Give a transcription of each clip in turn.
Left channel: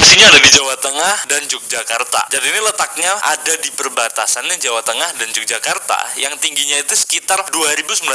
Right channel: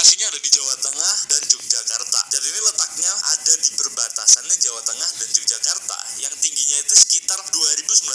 Erupsinya ada di Jawa Tengah dan Yogyakarta. Jadi ini letaknya ada di perbatasannya Jawa Tengah dan Yogyakarta yang tingginya itu sekitar 2.930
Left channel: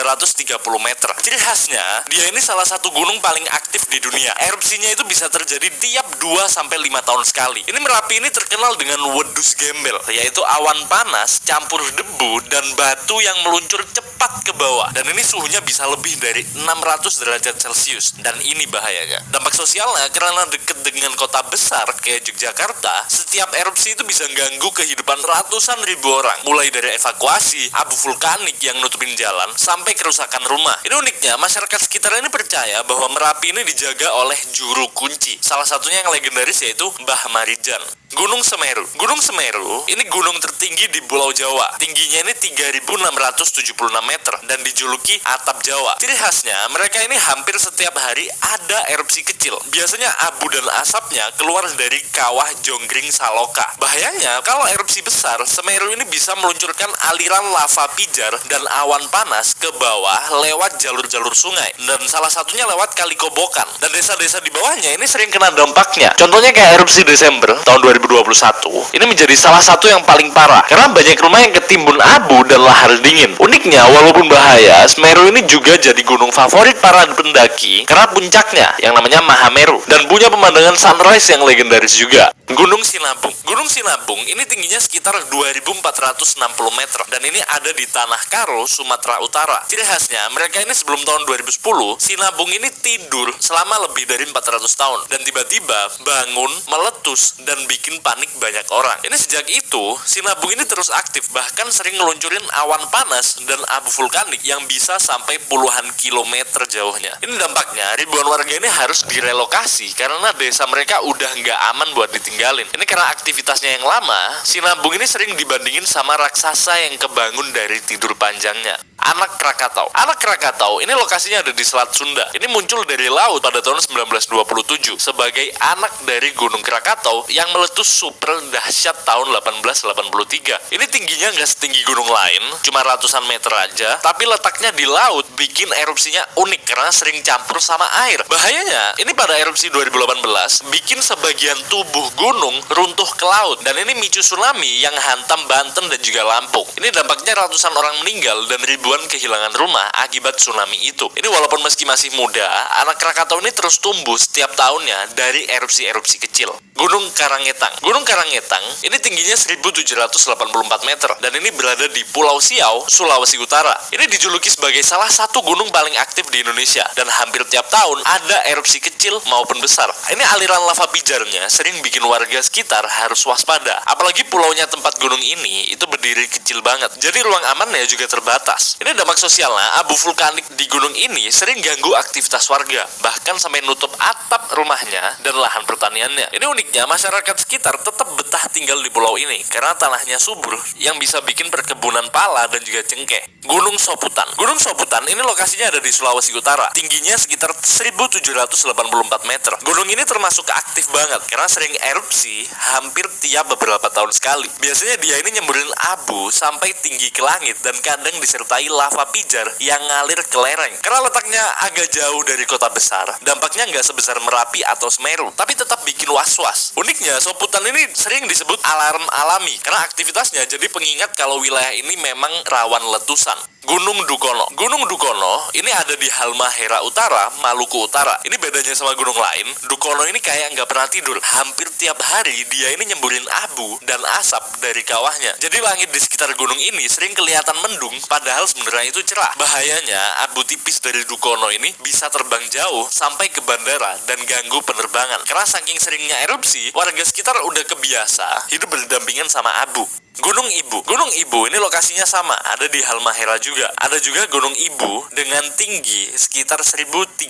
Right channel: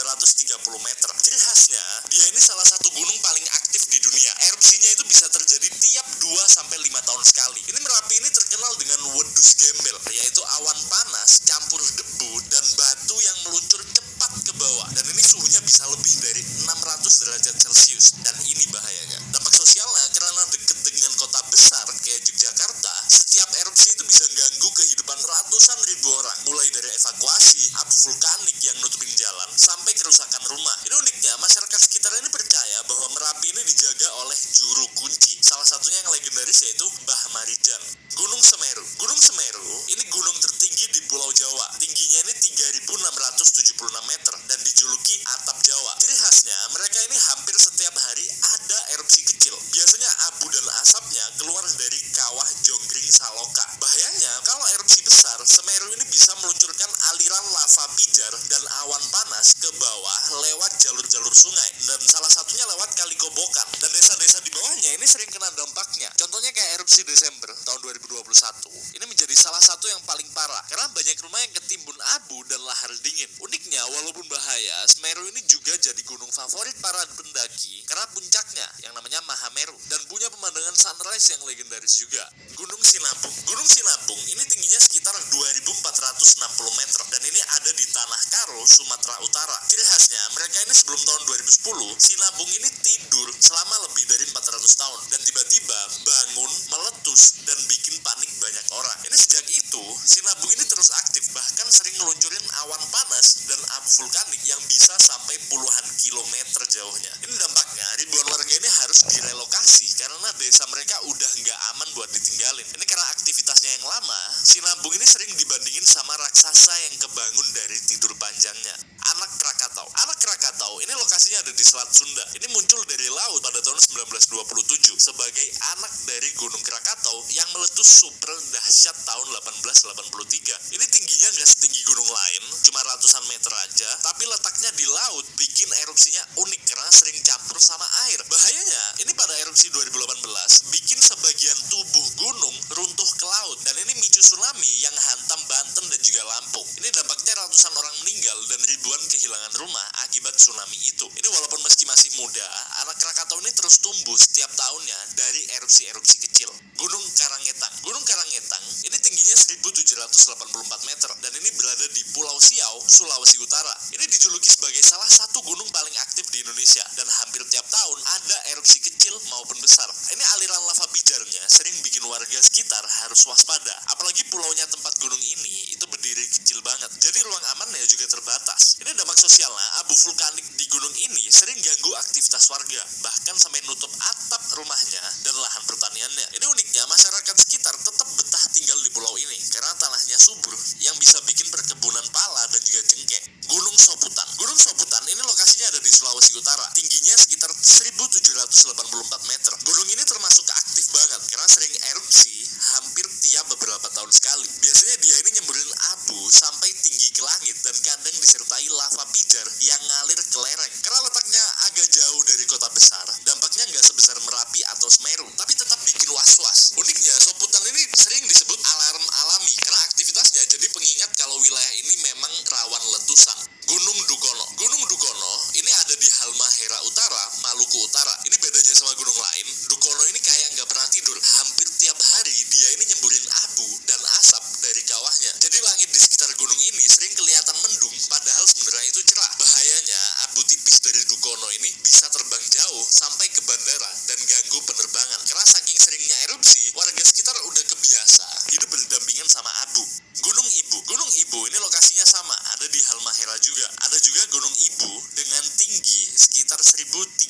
meter. Ciri khasnya, dia ini salah satu gunung paling aktif di dunia. Erupsinya itu bisa terjadi tiap 2-5 tahun sekali. Ini Merapi ini terkenal dengan wedus gembel, yaitu awan panas campur debu dan batu yang meluncur cepat ke bawah. Dan ini suhunya bisa lebih dari 600 derajat Celcius. Dan ini bahayanya. Dampak sosialnya, karena dekat dengan kota besar kayak Yogyakarta, setiap erupsi itu bisa ganggu kehidupan ratusan ribu orang. Mulai dari evakuasi, abu vulkanik yang nutupin jalan, sampai kerusakan rumah. Ini uniknya, masyarakat sekitar ini percaya bahwa Merapi ini dijaga oleh juru kunci. Salah satunya yang legendaris yaitu Mbah Marijan. Gunung Semeru. Gunung Semeru ini gunung tertinggi di Pulau Jawa. Tingginya ini 3.676 meter dan dijuluki atap Jawa. Ciri khasnya, mereka ini hampir setiap hari ada erupsi kecil. Biasanya abu dan asapnya keluar dari kawah Jonggring Saloka. Bahayanya, kalau erupsi besar, Semeru ini bisa meluncurkan aliran lava pijar dan awan panas ke bawah lewat jalur-jalur sungai. Dan salah satunya lewat Kali Kobokan. Dan desa-desa di bawahnya ini sering kena dampaknya. Contohnya kayak erupsi Desember tahun 2021, ini menjadi salah satu yang paling parah karena banyak rumah yang ketimbun abu dan lahar dingin. Uniknya, walaupun bahaya, Semeru ini juga jadi gunung favorit para pendaki karena puncaknya yang namanya Mahameru dan punya pemandangan sunrise yang legendaris juga. Gunung Sinabung. Gunung Sinabung ini tingginya sekitar 2.460 meter dan ini ada di Tanah Karo, Sumatera Utara. Ciri khasnya, mereka ini sebelum tahun 2010, Sinabung ini tidur selama lebih dari 400 tahun dan tiba-tiba bangun, meletus dan bikin panik banyak orang. Ini sejak itu, Sinabung ini terus aktif, bahkan sering ngeluncurin awan panas dan abu vulkanik yang bisa sampai puluhan kilometer jauhnya. Ini dampaknya, ribuan warga ini harus direlokasi karena desa mereka udah nggak aman buat ditinggalin. Ini karena aktivitasnya yang lama, Sinabung ini sering dibandingin sama raksasa yang kebangun dari tidur panjangnya. Anak Krakatau. Anak Krakatau ini lokasinya ada di Selat Sunda. Ini muncul dari laut pada tahun 1927 sebagai anak dari Gunung Krakatau yang meletus super dahsyat tahun 1883. Ini tingginya nggak setinggi gunung lain, cuma ratusan meter aja, tapi letaknya di laut bikin erupsinya unik karena sering campur sama air. Bahayanya, ini pada erupsi 2018 bikin sebagian tubuh gunung runtuh ke laut dan ini micu tsunami yang hantam Banten dan juga Lampung. Ini dampaknya ratusan orang meninggal dan ribuan kehilangan rumah akibat tsunami itu. Ini walaupun meski masih muda, anak Krakatau ini terus tumbuh setiap tahunnya dari erupsi-erupsi kecil. Gunung Karangetang. Gunung Karangetang ini tingginya 1.784 meter dan ini berada di Pulau Siau, Sulawesi Utara. Ini dijuluki sebagai salah satu gunung paling aktif di Indonesia dan hampir tiap tahun ada erupsi kecil maupun besar. Ini aliran lava pijarnya sering bikin warga sekitar harus waspada. Apalagi pulaunya tempat gunung ini itu berdiri kecil banget. Jadi ruang amannya juga terbatas. Ini dampak sosialnya, abu vulkanik di gunung ini sering ganggu aktivitas warga, bahkan sampai nutup atap rumahnya dan lahan pertaniannya. Ini uniknya, masyarakat sekitar tetap betah tinggal di pulau ini karena tanahnya subur yang bisa bikin perkebunan pala dan juga cengkeh. Gunung Soputan. Gunung Soputan ini lokasinya ada di Sulawesi Utara. Tingginya sekitar 1.784 meter. Gunung ini termasuk aktif banget karena sering erupsi hampir tiap beberapa tahun sekali. Biasanya dia ini nyemburin abu sampai tinggi ke langit dan kadang disertai lava pijar yang ngalir ke lereng. Karena letaknya agak jauh dari kota besar, dampaknya nggak sebesar Merapi atau Semeru, tapi tetap bikin was-was. Uniknya, Soputan ini sering disebut alarm alami karena aktivitasnya jadi pengingat kalau wilayah ini memang rawan letusan. Gunung Dukono. Gunung Dukono ini ada di Halmahera Utara, Maluku Utara. Ini bedanya sama gunung lain, Dukono ini kayak nggak pernah tidur. Hampir tiap hari dia ini nyemburin abu dan asap dari kawahnya. Jadi langit di sekitar gunung ini sering kelihatan mendung, padahal sebenarnya itu cerah. Bahayanya, abu tipis dari Dukono ini bisa terbang jauh sampai ke bandara dan ganggu penerbangan. Karena saking seringnya erupsi, warga sekitar udah kebiasa hidup berdampingan sama abu. Gunung Ibu. Gunung Ibu ini lokasinya sama, ada di Halmahera juga. Ada juga Gunung Ibu dengan tinggi sekitar 1.325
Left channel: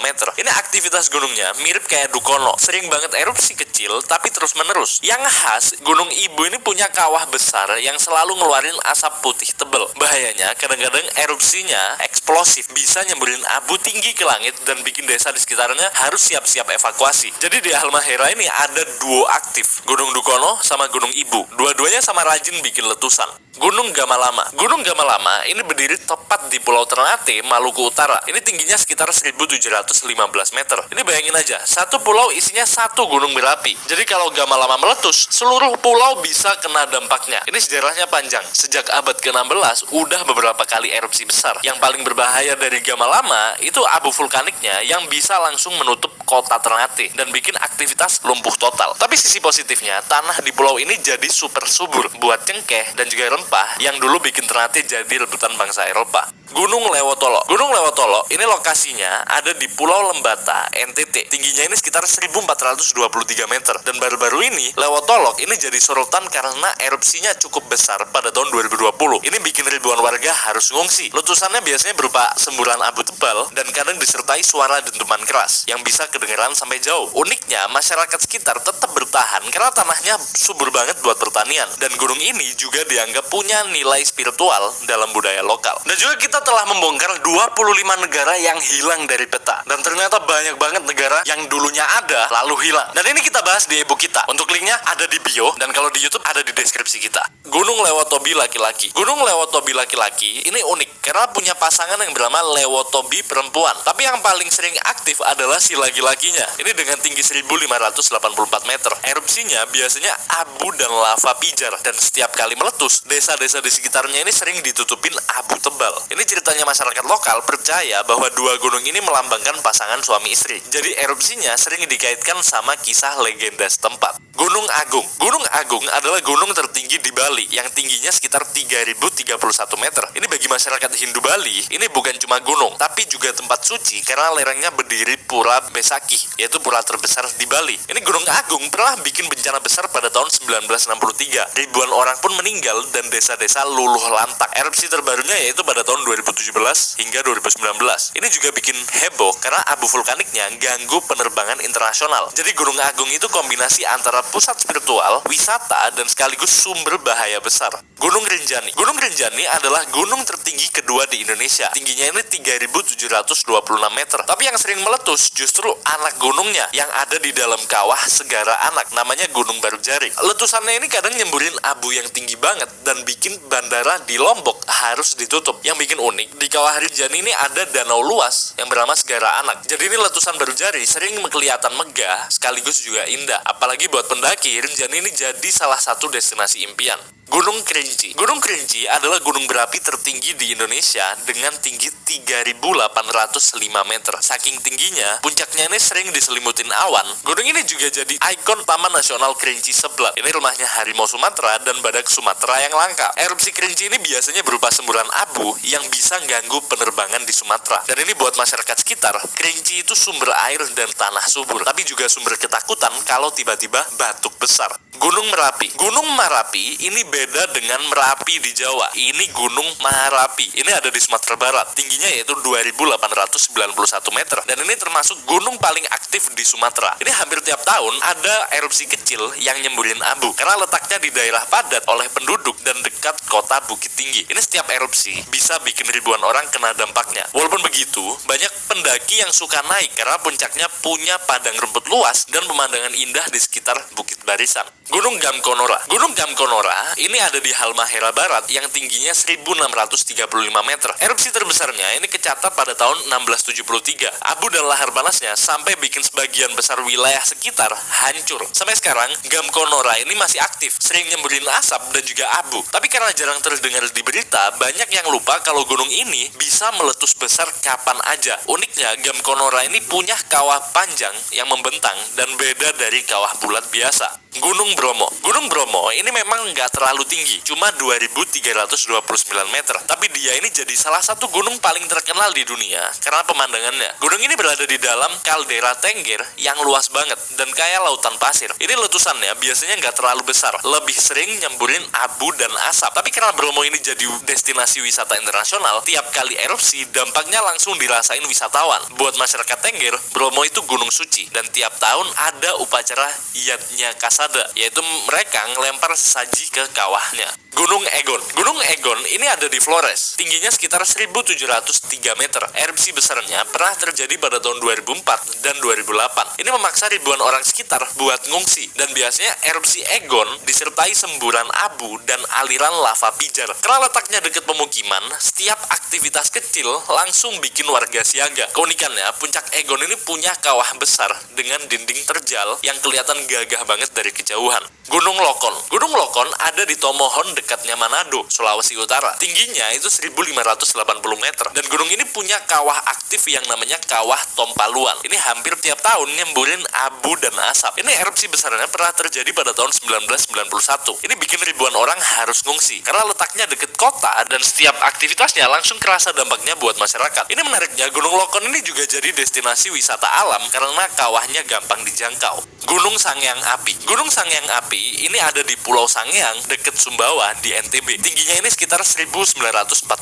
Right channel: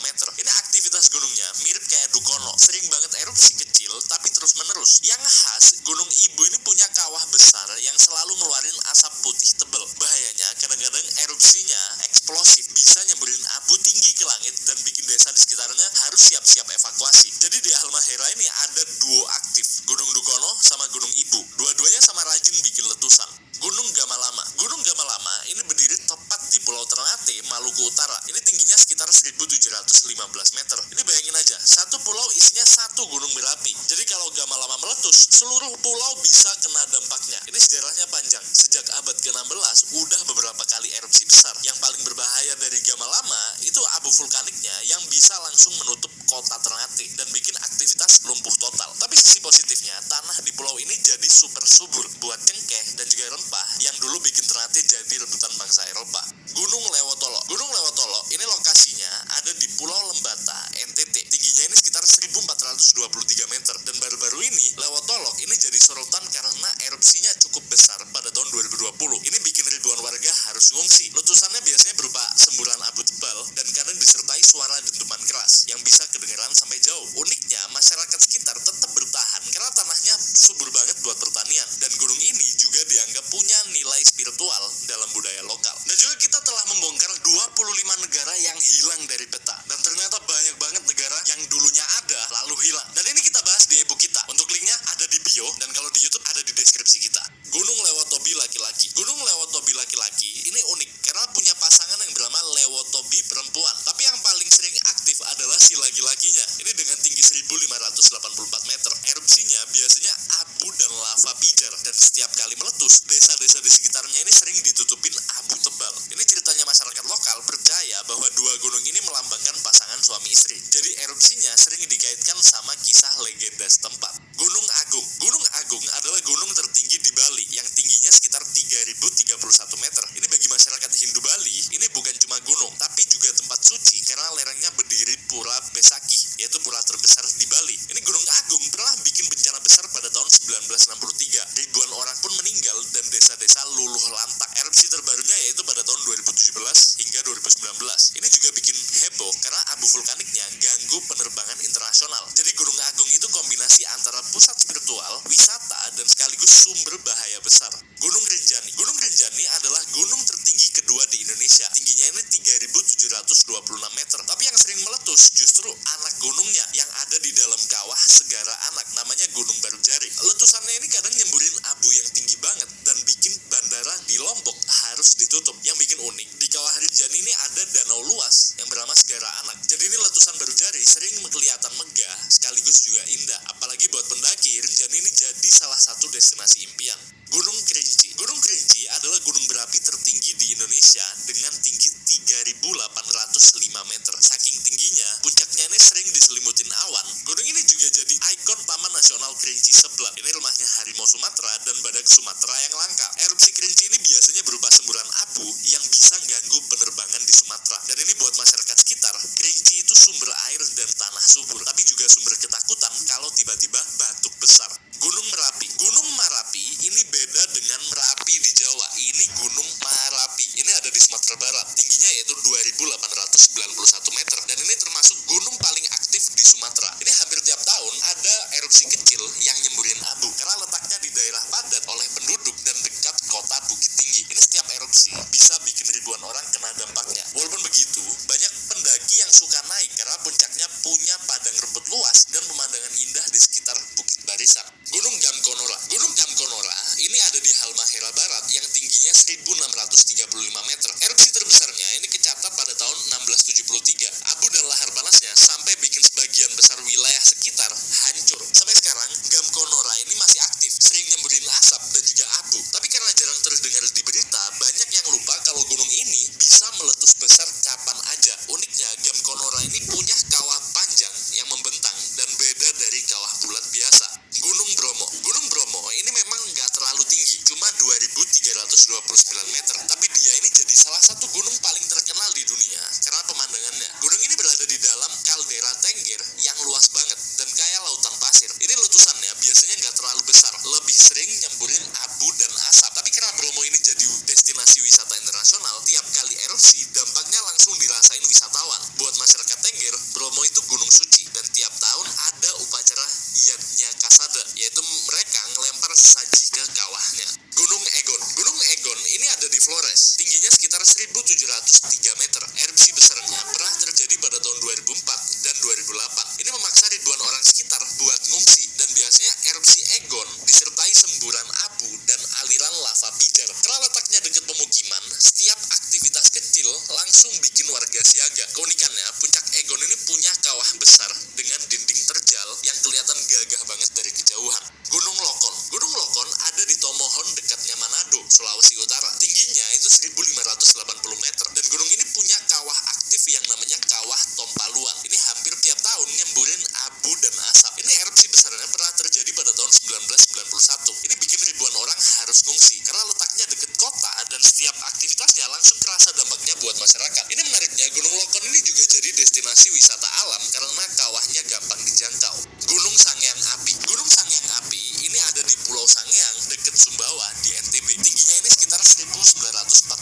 meter. Ini aktivitas gunungnya mirip kayak Dukono. Sering banget erupsi kecil tapi terus menerus. Yang khas, Gunung Ibu ini punya kawah besar yang selalu ngeluarin asap putih tebel. bahayanya kadang-kadang erupsinya eksplosif, bisa nyemburin abu tinggi ke langit dan bikin desa di sekitarnya harus siap-siap evakuasi. Jadi di Halmahera ini ada duo aktif, Gunung Dukono sama Gunung Ibu. Dua-duanya sama rajin bikin letusan. Gunung Gamalama. Gunung Gamalama ini berdiri tepat di Pulau Ternate, Maluku Utara. Ini tingginya sekitar 1715 meter. Ini bayangin aja, satu pulau isinya satu gunung berapi. Jadi kalau Gamalama meletus, seluruh pulau bisa kena dampaknya. Ini sejarahnya panjang. Sejak abad ke-16, udah beberapa kali erupsi besar. Yang paling berbahaya dari Gamalama itu abu vulkaniknya yang bisa langsung menutup kota Ternate dan bikin aktivitas lumpuh total. Tapi sisi positifnya, tanah di pulau ini jadi super subur buat cengkeh dan juga rempah yang dulu bikin Ternate jadi rebutan bangsa Eropa. Gunung Lewotolo. Gunung Lewotolo ini lokasinya ada di Pulau Lembata, NTT. Tingginya ini sekitar 1423 meter. Dan baru-baru ini, Lewotolo ini jadi sorotan karena erupsinya cukup besar pada tahun 2020. Ini bikin ribuan warga harus ngungsi. Letusannya biasanya berupa semburan abu tebal dan kadang disertai suara dentuman keras yang bisa kedengeran sampai jauh. Uniknya, masyarakat sekitar tetap bertahan karena tanahnya subur banget buat pertanian. Dan gunung ini juga dianggap punya nilai spiritual dalam budaya lokal. Dan juga kita telah membongkar 25 negara yang hilang dari peta. Dan ternyata banyak banget negara yang dulunya ada lalu hilang. Dan ini kita bahas di e-book kita. Untuk linknya ada di bio dan kalau di YouTube ada di deskripsi kita. Gunung Lewotobi laki-laki. Gunung Lewotobi laki-laki ini unik karena punya pasangan yang bernama Lewotobi perempuan. Tapi yang paling sering aktif adalah si laki-lakinya. Ini dengan tinggi 1584 meter. Erupsinya biasanya abu dan lava pijar dan setiap kali meletus, desa-desa di sekitarnya ini sering ditutupin abu tebal. Ini ceritanya masyarakat lokal percaya bahwa dua gunung ini melambangkan pasangan suami istri. Jadi erupsinya sering dikaitkan sama kisah legenda setempat. Gunung Agung. Gunung Agung adalah gunung tertinggi di Bali yang tingginya sekitar 3031 meter. Ini bagi masyarakat Hindu Bali, ini bukan cuma gunung, tapi juga tempat suci karena lerengnya berdiri Pura Besakih, yaitu pura terbesar di Bali. Ini Gunung Agung pernah bikin bencana besar pada tahun 1963. Ribuan orang pun meninggal dan desa-desa luluh lantak. Erupsi terbarunya yaitu pada tahun 2017 hingga 2019. Ini juga bikin heboh karena abu vulkaniknya ganggu penerbangan internasional. Jadi Gunung Agung itu kombinasi antara pusat spiritual, wisata, dan sekaligus sumber bahaya besar. Gunung Rinjani. Gunung Rinjani adalah gunung tertinggi kedua di Indonesia. Tingginya ini 3726 meter. Tapi yang sering meletus justru anak gunungnya yang ada di dalam kawah Segara Anak, namanya Gunung Barujari. Letusannya ini kadang nyemburin abu yang tinggi banget dan bikin bandara di Lombok harus ditutup. Yang bikin unik, di kawah Rinjani ini ada danau luas yang bernama Segara Anak. Jadi ini letusan Barujari sering kelihatan megah sekaligus juga indah. Apalagi buat pendaki, Rinjani ini jadi salah satu destinasi impian. Gunung Kerinci. Gunung Kerinci adalah gunung berapi tertinggi di Indonesia dengan tinggi 3.805 meter. Saking tingginya, puncaknya ini sering diselimutin awan. Gunung ini juga jadi ikon Taman Nasional Kerinci Seblat. Ini rumahnya harimau Sumatera dan badak Sumatera yang langka. Erupsi Kerinci ini biasanya berupa semburan abu yang bisa ganggu penerbangan di Sumatera. Dan ini buat masyarakat sekitar, Kerinci itu sumber air dan tanah subur, tapi juga sumber ketakutan kalau tiba-tiba batuk besar. Gunung Merapi. Gunung Merapi ini beda dengan Merapi di Jawa. Ini Gunung Marapi. Ini ada di Sumatera Barat. Tingginya yaitu 2.891 meter. Dan ini termasuk gunung paling aktif di Sumatera. Ini hampir tiap tahun ada erupsi kecil yang nyemburin abu. Karena letaknya di daerah padat oleh penduduk dan dekat kota Bukit Tinggi. Ini setiap erupsi bisa bikin ribuan orang kena dampaknya. Walaupun begitu, banyak pendaki yang suka naik karena puncaknya punya padang rumput luas dan pemandangan indah di sekitar Bukit Barisan. Gunung Gamkonora. Gunung Gamkonora ini ada di Halmahera Barat yang tingginya 1635 meter. Erupsi terbesarnya ini kecatat pada tahun 1673. Abu dan lahar panasnya sampai bikin sebagian besar wilayah sekitar hancur. Sampai sekarang, Gamkonora ini masih aktif, sering nyemburin asap dan juga abu. Tapi karena jarang terdengar di berita, banyak yang lupa kalau gunung ini bisa meletus besar kapan aja. Uniknya, Gamkonora ini punya kawah panjang yang membentang dan beda dari kawah bulat biasa. Gunung Bromo. Gunung Bromo ini memang nggak terlalu tinggi, cuma 2.329 meter. Tapi dia ini jadi salah satu gunung paling terkenal di dunia karena pemandangannya. Gunung ini berada di dalam kaldera Tengger yang luas banget dan kaya lautan pasir. Ini letusannya biasanya nggak terlalu besar, lebih sering nyemburin abu dan asap. Tapi karena Bromo ini jadi destinasi wisata internasional, tiap kali erupsi dampaknya langsung dirasain wisatawan. Buat masyarakat Tengger, Bromo itu gunung suci dan tiap tahun ada upacara Yadnya Kasada, yaitu mereka ngelempar sesaji ke kawahnya. Gunung Egon. Gunung Egon ini ada di Flores. Tingginya sekitar 1703 meter. Erupsi besarnya pernah terjadi pada tahun 2004 dan 2008. Ini memaksa ribuan orang sekitar buat ngungsi. Dan biasanya erupsi Egon disertai semburan abu dan aliran lava pijar. Karena letaknya dekat pemukiman, setiap aktivitas kecil langsung bikin warga siaga. Keunikannya, puncak Egon ini punya kawah besar dengan dinding terjal yang kelihatan gagah banget dari kejauhan. Gunung Lokon. Gunung Lokon ada di Tomohon dekatnya Manado, Sulawesi Utara. Tingginya itu 1580 meter. Dan gunung ini punya kawah aktif yang namanya kawah Tompaluan. Ini hampir tiap tahun nyemburin abu dan asap. Ini erupsi besarnya pernah terjadi pada tahun 1991. Ini bikin ribuan orang harus ngungsi karena letaknya dekat kota dan setiap aktivitasnya langsung kerasa dampaknya buat masyarakat. Ini menariknya, Gunung Lokon ini juga jadi destinasi wisata alam karena kawahnya gampang dijangkau. Gunung Sangyang Api. Gunung Sangyang Api ini ada di Pulau Sangyang dekat Sumbawa di NTB. Tingginya ini sekitar 1949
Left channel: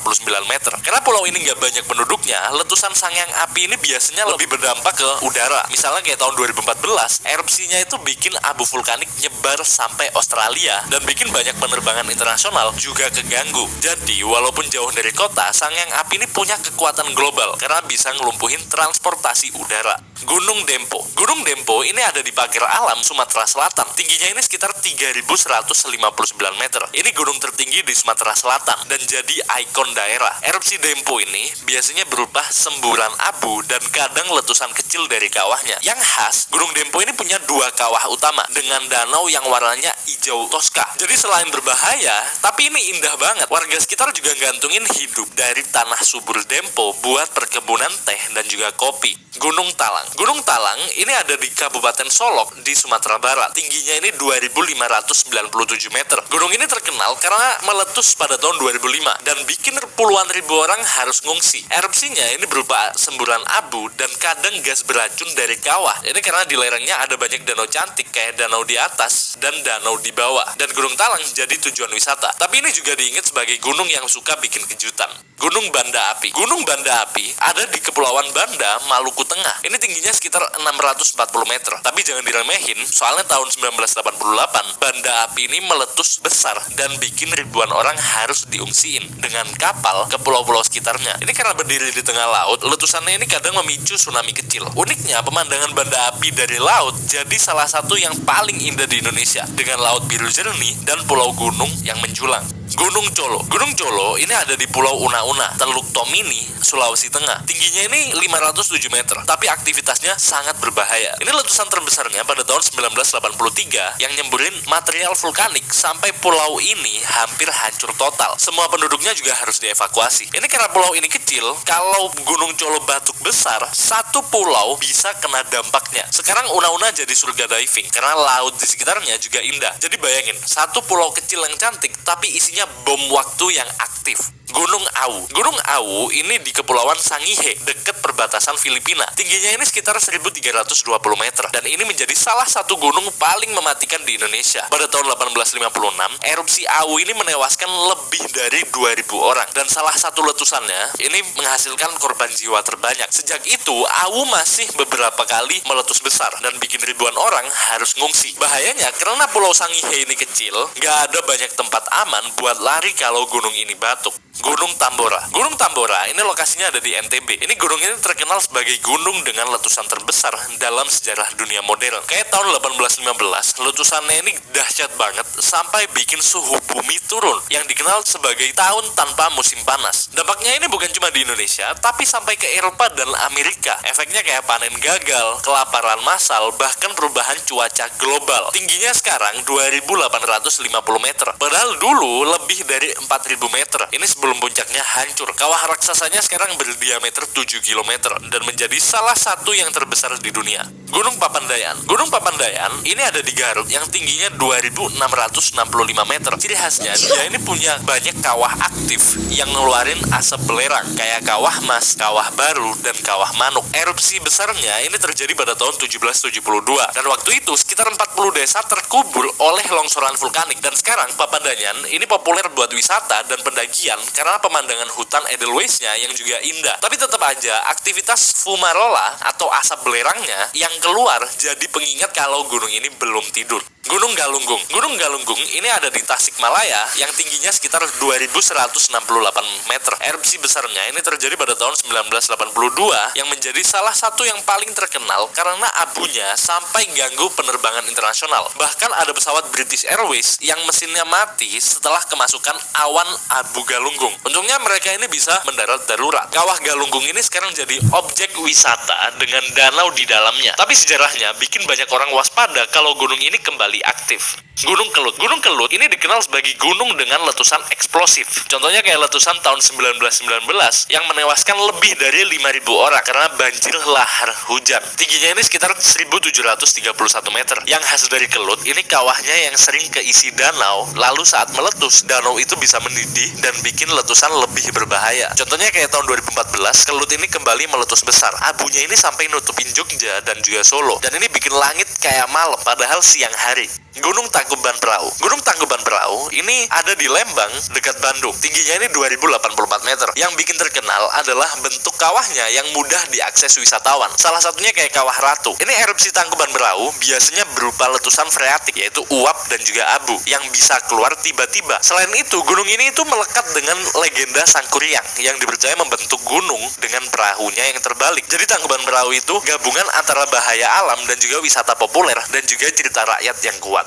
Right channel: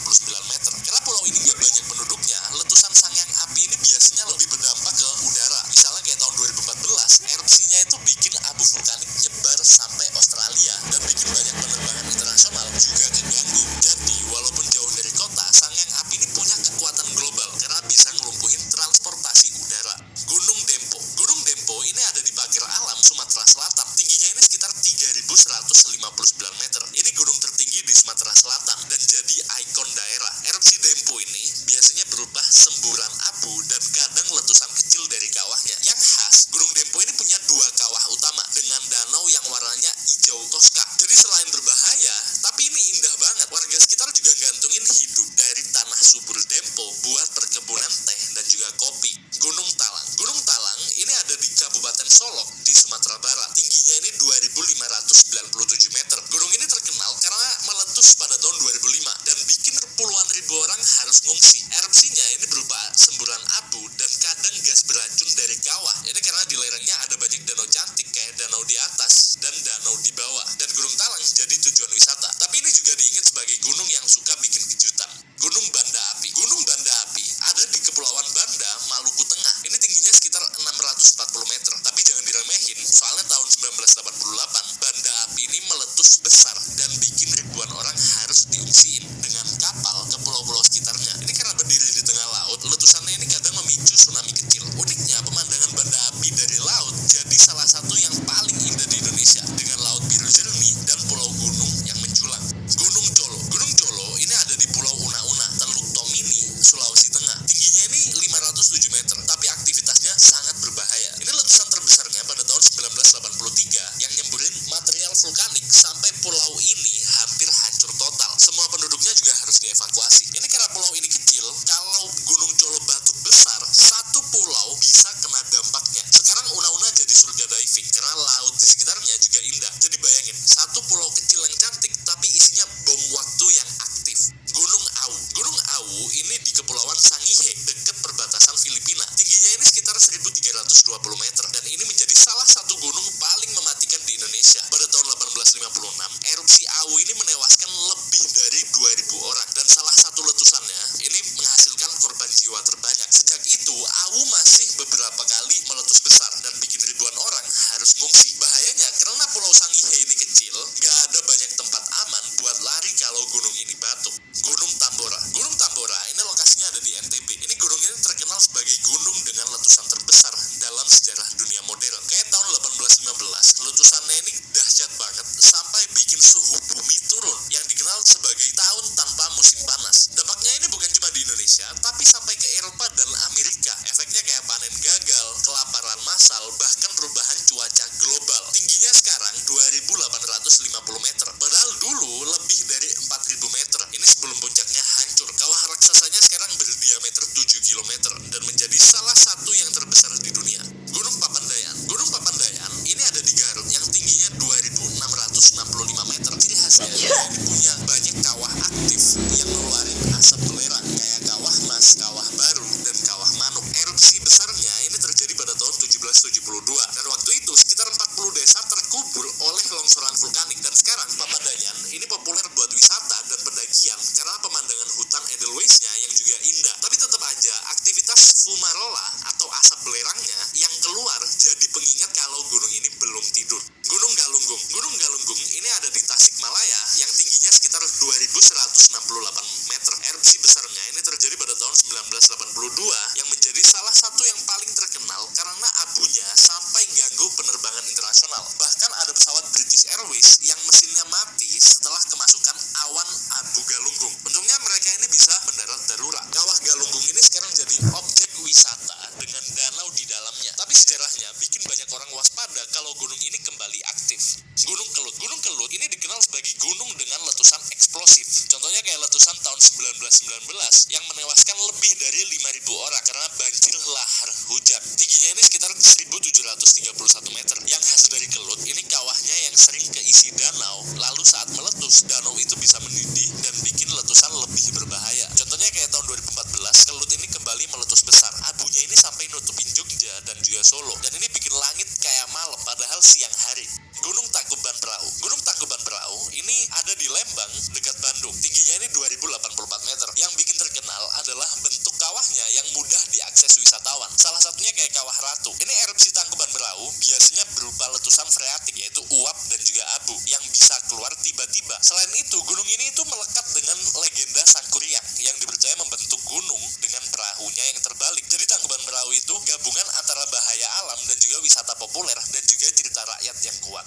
meter. Karena pulau ini nggak banyak penduduknya, letusan Sangyang Api ini biasanya lebih berdampak ke udara. Misalnya kayak tahun 2014, erupsinya itu bikin abu vulkanik nyebar sampai Australia dan bikin banyak penerbangan internasional juga keganggu. Jadi, walaupun jauh dari kota, Sangyang Api ini punya kekuatan global karena bisa ngelumpuhin transportasi udara. Gunung Dempo. Gunung Dempo ini ada di pagar alam Sumatera Selatan. Tingginya ini sekitar 3159 meter. Ini gunung tertinggi di Sumatera Selatan dan jadi ikon daerah. Erupsi Dempo ini biasanya berupa semburan abu dan kadang letusan kecil dari kawahnya. Yang khas, Gunung Dempo ini punya dua kawah utama dengan danau yang warnanya hijau toska. Jadi selain berbahaya, tapi ini indah banget. Warga sekitar juga gantungin hidup dari tanah subur Dempo buat perkebunan teh dan juga kopi. Gunung Talang. Gunung Talang ini ada di Kabupaten Solok di Sumatera Barat. Tingginya ini 2597 meter. Gunung ini terkenal karena meletus pada tahun 2005 dan bikin puluhan ribu orang harus ngungsi. Erupsinya ini berupa semburan abu dan kadang gas beracun dari kawah. Ini karena di lerengnya ada banyak danau cantik kayak danau di atas dan danau di bawah. Dan Gunung Talang jadi tujuan wisata. Tapi ini juga diingat sebagai gunung yang suka bikin kejutan. Gunung Banda Api. Gunung Banda Api ada di Kepulauan Banda, Maluku Tengah. Ini tingginya sekitar 640 meter. Tapi jangan diremehin, soalnya tahun 1988 Banda Api ini meletus besar dan bikin ribuan orang harus diungsiin dengan kapal ke pulau-pulau sekitarnya. Ini karena berdiri di tengah laut, letusannya ini kadang memicu tsunami kecil. Uniknya, pemandangan Banda Api dari laut jadi salah satu yang paling indah di Indonesia dengan laut biru jernih dan pulau gunung yang menjulang. Gunung Colo. Gunung Colo ini ada di Pulau Una-Una, Teluk Tomini, Sulawesi Tengah. Tingginya ini 507 meter, tapi aktivitasnya sangat berbahaya. Ini letusan terbesarnya pada tahun 1983 yang nyemburin material vulkanik sampai pulau ini hampir hancur total. Semua penduduknya juga harus dievakuasi. Ini karena pulau ini kecil, kalau Gunung Colo batuk besar, satu pulau bisa kena dampaknya. Sekarang Una-Una jadi surga diving karena laut di sekitarnya juga indah. Jadi bayangin, satu pulau kecil yang cantik tapi isinya bom waktu yang aktif. Gunung Awu. Gunung Awu ini di Kepulauan Sangihe, dekat perbatasan Filipina. Tingginya ini sekitar 1320 meter dan ini menjadi salah satu gunung paling mematikan di Indonesia. Pada tahun 1856, erupsi Awu ini menewaskan lebih dari 2000 orang dan salah satu letusannya ini menghasilkan korban jiwa terbanyak. Sejak itu, Awu masih beberapa kali meletus besar dan bikin ribuan orang harus ngungsi. Bahayanya karena Pulau Sangihe ini kecil, nggak ada banyak tempat aman buat lari kalau gunung ini batuk. Gunung Tambora. Gunung Tambora ini lokasinya ada di NTB. Ini gunung ini terkenal sebagai gunung dengan letusan terbesar dalam sejarah dunia modern. Kayak tahun 1815, letusannya ini dahsyat banget sampai bikin suhu bumi turun yang dikenal sebagai tahun tanpa musim panas. Dampaknya ini bukan cuma di Indonesia, tapi sampai ke Eropa dan Amerika. Efeknya kayak panen gagal, kelaparan massal, bahkan perubahan cuaca global. Tingginya sekarang 2850 meter. Padahal dulu lebih dari 4000 meter. Ini sebelum puncaknya hancur. Kawah raksasanya sekarang berdiameter 7 km dan menjadi salah satu yang terbesar di dunia. Gunung Papandayan. Gunung Papandayan ini ada di Garut yang tingginya 2665 meter. Ciri khasnya dia ini punya banyak kawah aktif yang ngeluarin asap belerang kayak kawah mas, kawah baru, dan kawah manuk. Erupsi besarnya ini terjadi pada tahun 1772 dan waktu itu sekitar 40 desa terkubur oleh longsoran vulkanik dan sekarang Papandayan ini populer buat wisata dan pendakian karena pemandangan pemandangan hutan Edelweissnya yang juga indah. Tapi tetap aja aktivitas fumarola atau asap belerangnya yang keluar jadi pengingat kalau gunung ini belum tidur. Gunung Galunggung. Gunung Galunggung ini ada di Tasikmalaya yang tingginya sekitar 2168 meter. Erupsi besarnya ini terjadi pada tahun 1982 yang menjadi salah satu yang paling terkenal karena abunya sampai ganggu penerbangan internasional. Bahkan ada pesawat British Airways yang mesinnya mati setelah kemasukan awan abu Galunggung. Untungnya mereka ini bisa mendarat darurat. Kawah Galunggung ini sekarang jadi objek wisata dengan danau di dalamnya. Tapi sejarahnya bikin banyak orang waspada kalau gunung ini kembali aktif. Gunung Kelut. Gunung Kelut ini dikenal sebagai gunung dengan letusan eksplosif. Contohnya kayak letusan tahun 1919 yang menewaskan lebih dari 5.000 orang karena banjir lahar hujan. Tingginya ini sekitar 1.731 meter. Yang khas dari Kelut, ini kawahnya yang sering keisi danau, lalu saat meletus, danau itu bisa mendidih dan bikin letusan lebih berbahaya. Contohnya kayak tahun 2014, Kelut ini kembali meletus besar. Abunya ini sampai nutupin Jogja dan juga Solo. Dan ini bikin langit kayak malam, padahal siang hari. Gunung Tangkuban Perahu. Gunung Tangkuban Perahu ini ada di Lembang, dekat Bandung. Tingginya ini 2084 meter. Yang bikin terkenal adalah bentuk kawahnya yang mudah diakses wisatawan. Salah satunya kayak Kawah Ratu. Ini erupsi Tangkuban Perahu biasanya berupa letusan freatik, yaitu uap dan juga abu yang bisa keluar tiba-tiba. Selain itu, gunung ini itu melekat dengan legenda Sangkuriang yang dipercaya membentuk gunung dengan perahunya yang terbalik. Jadi Tangkuban Perahu itu gabungan antara bahaya alam dan juga wisata populer dan juga cerita rakyat yang kuat.